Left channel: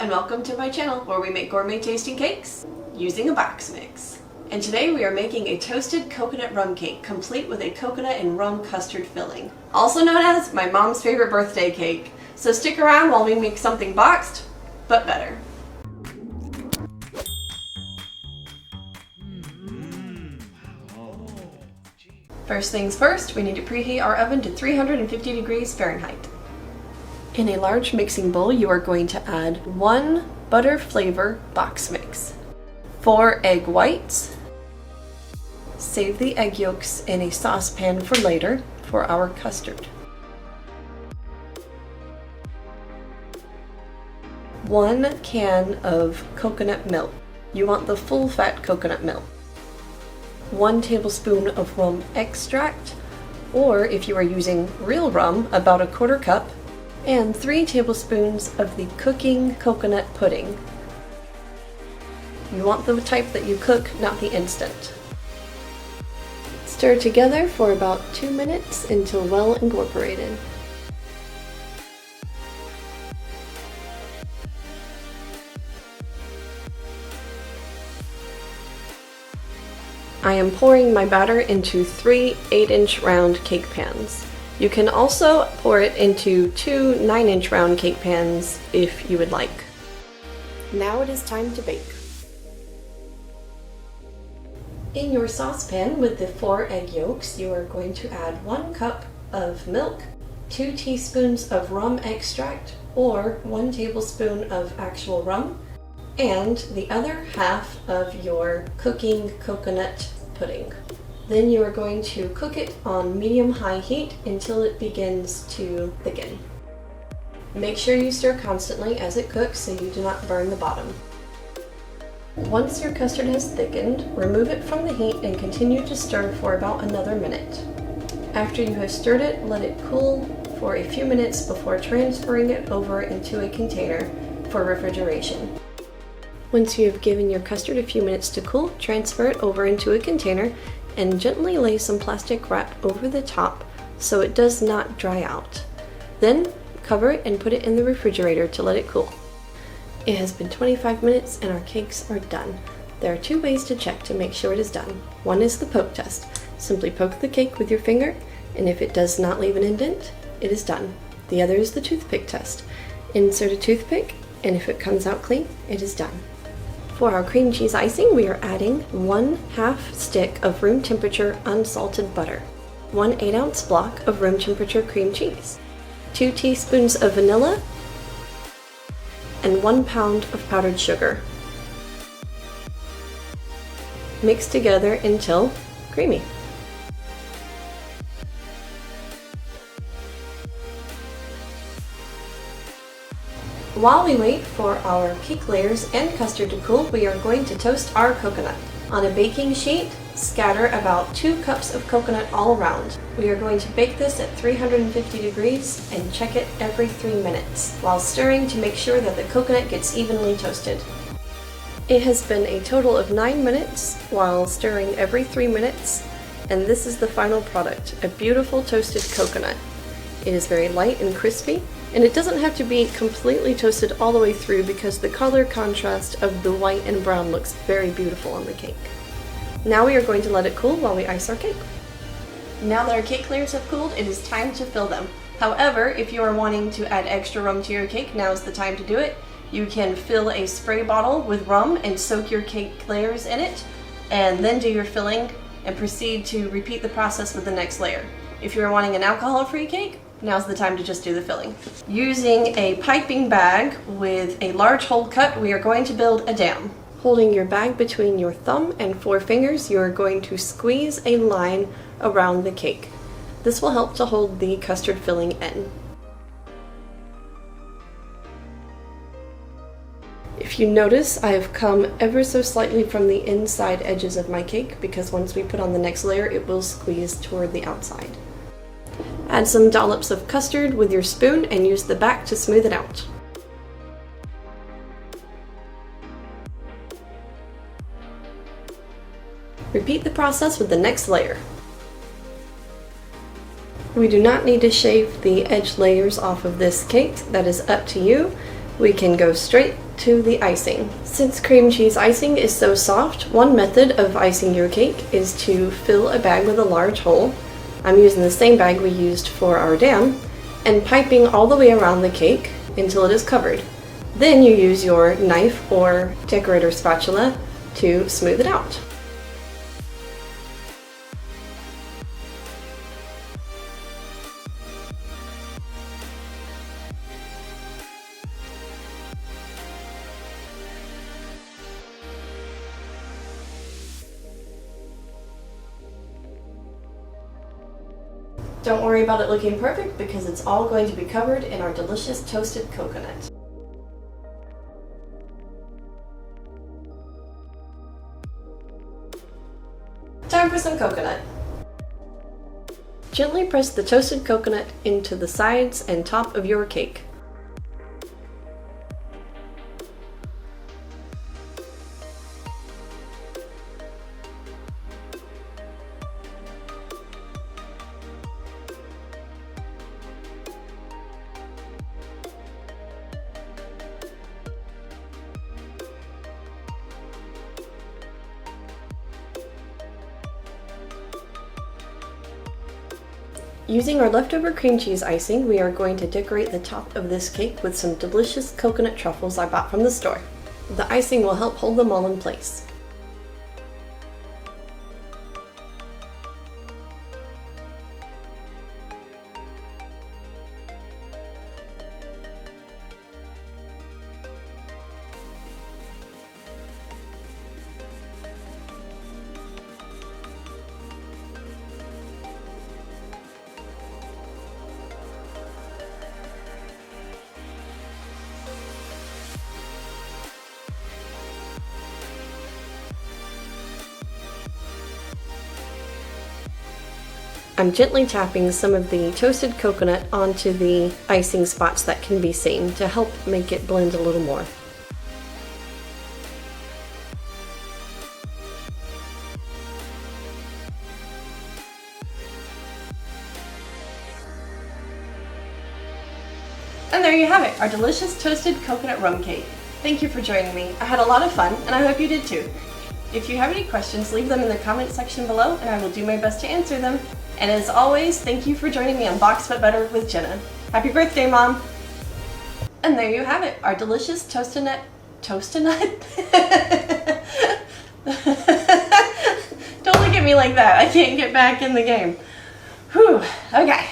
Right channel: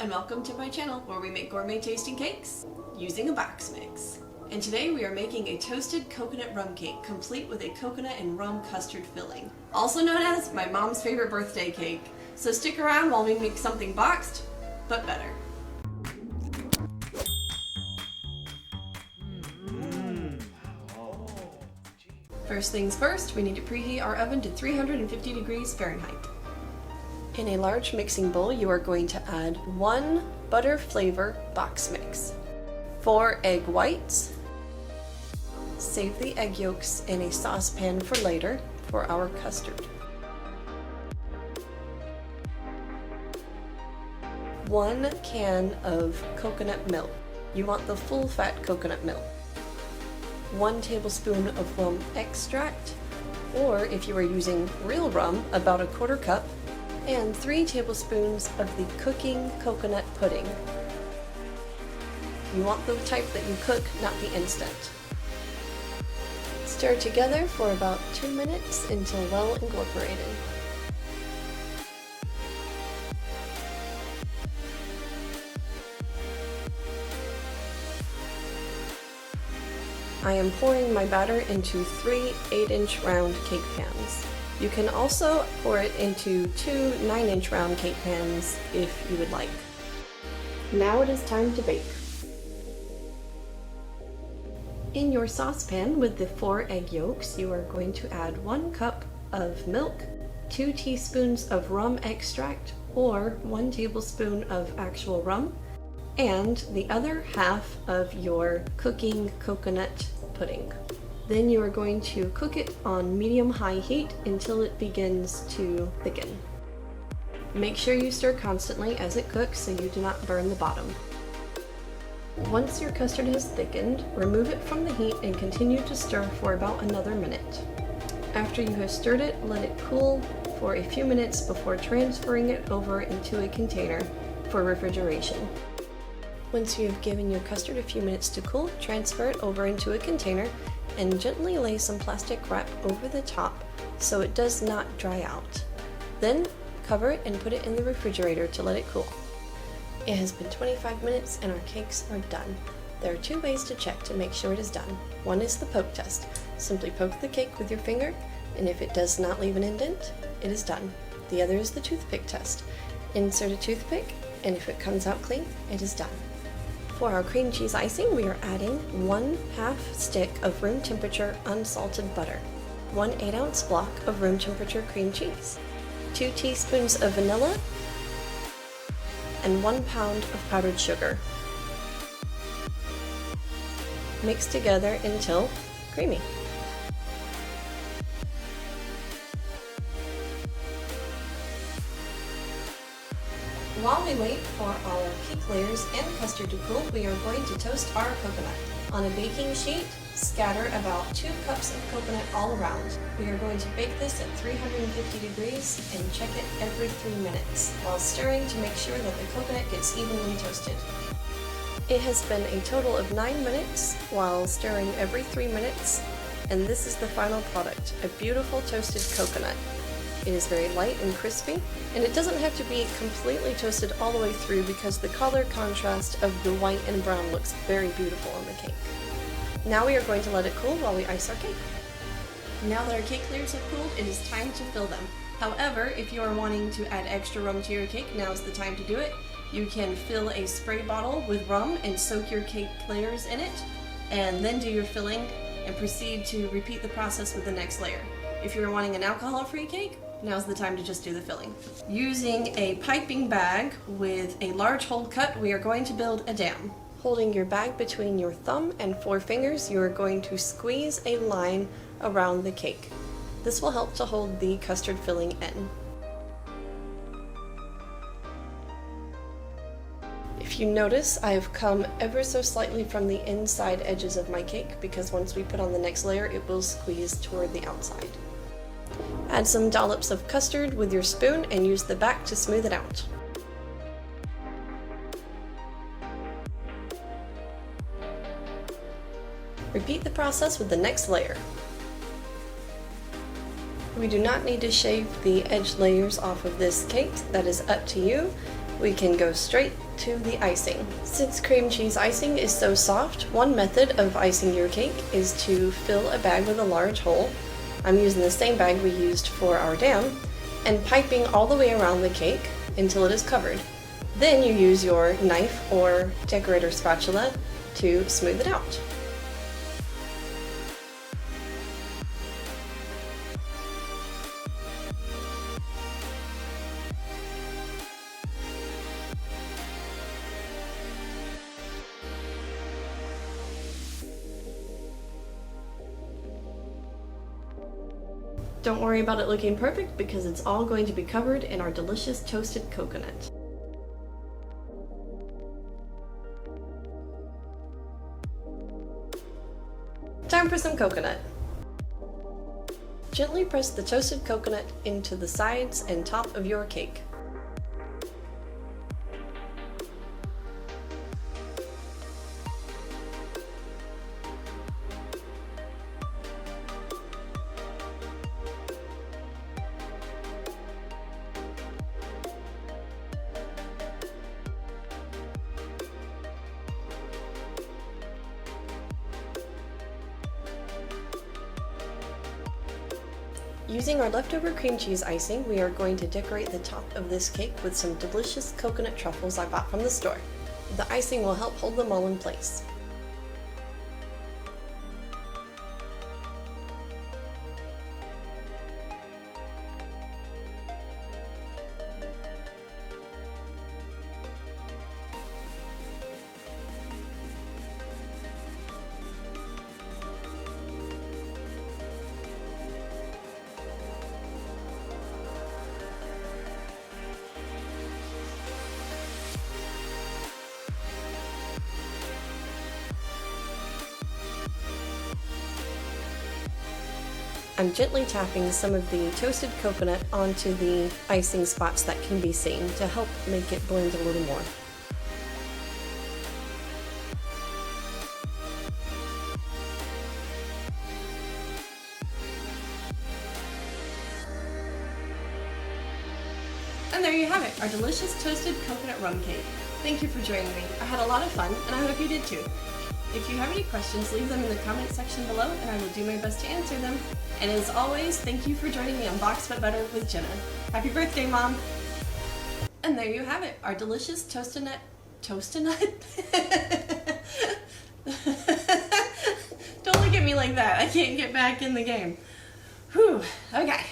and welcome to my channel where we make gourmet tasting cakes using a box mix. And today we are making a toasted coconut rum cake complete with a coconut and rum custard filling, also known as my mom's favorite birthday cake. So stick around while we make something boxed, but better. First things first, we need to preheat our oven to 350 degrees Fahrenheit. In a large mixing bowl, you are going to add 1 butter flavor box mix, 4 egg whites, save the egg yolks in a saucepan for later for our custard, 1 can of coconut milk. You want the full fat coconut milk. 1 tablespoon of rum extract, or if you are using real rum, about 1/4 cup, and 3 tablespoons of the cooking coconut pudding. You want the type that you cook, not the instant. Stir together for about 2 minutes until well incorporated. I am pouring my batter into 3 8-inch round cake pans. You can also pour it into 2 9-inch round cake pans if you would like. Now it is time to bake. In your saucepan with the 4 egg yolks, you are going to add 1 cup of milk, 2 teaspoons of rum extract or 1 tablespoon of actual rum, and the other half of your cooking coconut pudding. Then you are going to cook it on medium-high heat until it begins to thicken. Make sure you stir constantly as it cooks so you do not burn the bottom. Once your custard has thickened, remove it from the heat and continue to stir for about another minute. After you have stirred it, let it cool for a few minutes before transferring it over into a container for refrigeration. Once you have given your custard a few minutes to cool, transfer it over into a container and gently lay some plastic wrap over the top so it does not dry out. Then cover it and put it in the refrigerator to let it cool. It has been 25 minutes and our cakes are done. There are 2 ways to check to make sure it is done. One is the poke test. Simply poke the cake with your finger, and if it does not leave an indent, it is done. The other is the toothpick test. Insert a toothpick, and if it comes out clean, it is done. For our cream cheese icing, we are adding 1/2 stick of room temperature unsalted butter, 1 8-ounce block of room temperature cream cheese, 2 teaspoons of vanilla, and 1 pound of powdered sugar. Mix together until creamy. While we wait for our cake layers and custard to cool, we are going to toast our coconut. On a baking sheet, scatter about 2 cups of coconut all around. We are going to bake this at 350 degrees and check it every 3 minutes, while stirring to make sure that the coconut gets evenly toasted. It has been a total of 9 minutes while stirring every 3 minutes, and this is the final product, a beautiful toasted coconut. It is very light and crispy, and it doesn't have to be completely toasted all the way through because the color contrast of the white and brown looks very beautiful on the cake. Now we are going to let it cool while we ice our cake. Now that our cake layers have cooled, it is time to fill them. However, if you are wanting to add extra rum to your cake, now is the time to do it. You can fill a spray bottle with rum and soak your cake layers in it, and then do your filling and proceed to repeat the process with the next layer. If you are wanting an alcohol-free cake, now's the time to just do the filling. Using a piping bag with a large hole cut, we are going to build a dam. Holding your bag between your thumb and 4 fingers, you are going to squeeze a line around the cake. This will help to hold the custard filling in. If you notice, I have come ever so slightly from the inside edges of my cake because once we put on the next layer, it will squeeze toward the outside. Add some dollops of custard with your spoon and use the back to smooth it out. Repeat the process with the next layer. We do not need to shave the edge layers off of this cake, that is up to you. we can go straight to the icing. Since cream cheese icing is so soft, one method of icing your cake is to fill a bag with a large hole. I'm using the same bag we used for our dam, and piping all the way around the cake until it is covered. Then you use your knife or decorator spatula to smooth it out. Don't worry about it looking perfect because it's all going to be covered in our delicious toasted coconut. Time for some coconut. Gently press the toasted coconut into the sides and top of your cake. Using our leftover cream cheese icing, we are going to decorate the top of this cake with some delicious coconut truffles I bought from the store. The icing will help hold them all in place. I'm gently tapping some of the toasted coconut onto the icing spots that can be seen to help make it blend a little more. And there you have it, our delicious toasted coconut rum cake. Thank you for joining me. I had a lot of fun, and I hope you did too. If you have any questions, leave them in the comment section below, and I will do my best to answer them. And as always, thank you for joining me on Box But Better with Genna. Happy birthday, Mom! And there you have it, our delicious toasted nut. Don't look at me like that. I can't get back in the game. Whew, okay.